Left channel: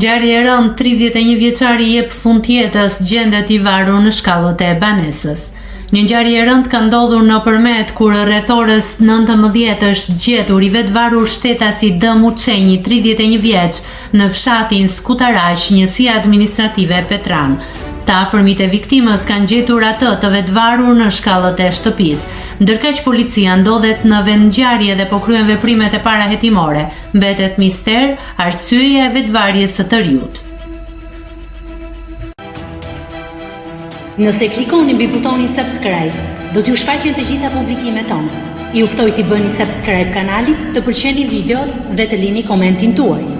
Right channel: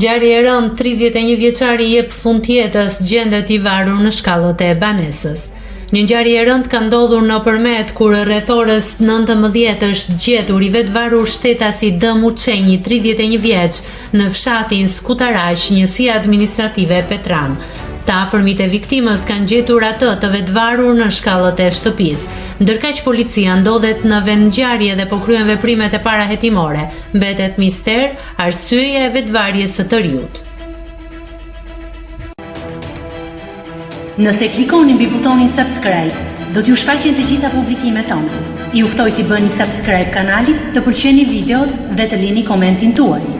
Ngjarje e rëndë, 31 vjeçari jep fund jetës, gjendet i varur në shkallët e banesës. Një ngjarje e rëndë ka ndodhur në Përmet, kur rreth orës 19 është gjetur i vetvarur shtetasi D. Muçenji, 31 vjeç, në fshatin Skutaraq, njësia administrative Petran. Të afërmit e viktimës kanë gjetur atë të vetvarur në shkallët e shtëpisë. Ndërkaq policia ndodhet në vend ngjarje dhe po kryen veprimet e parahetimore. Mbetet mister arsyeja e vetvarjes së të riut. Nëse klikoni mbi butonin subscribe, do t'ju shfaqen të gjitha publikimet tona. Ju ftoj t'i bëni subscribe kanalit, të pëlqeni videot dhe të lini komentin tuaj.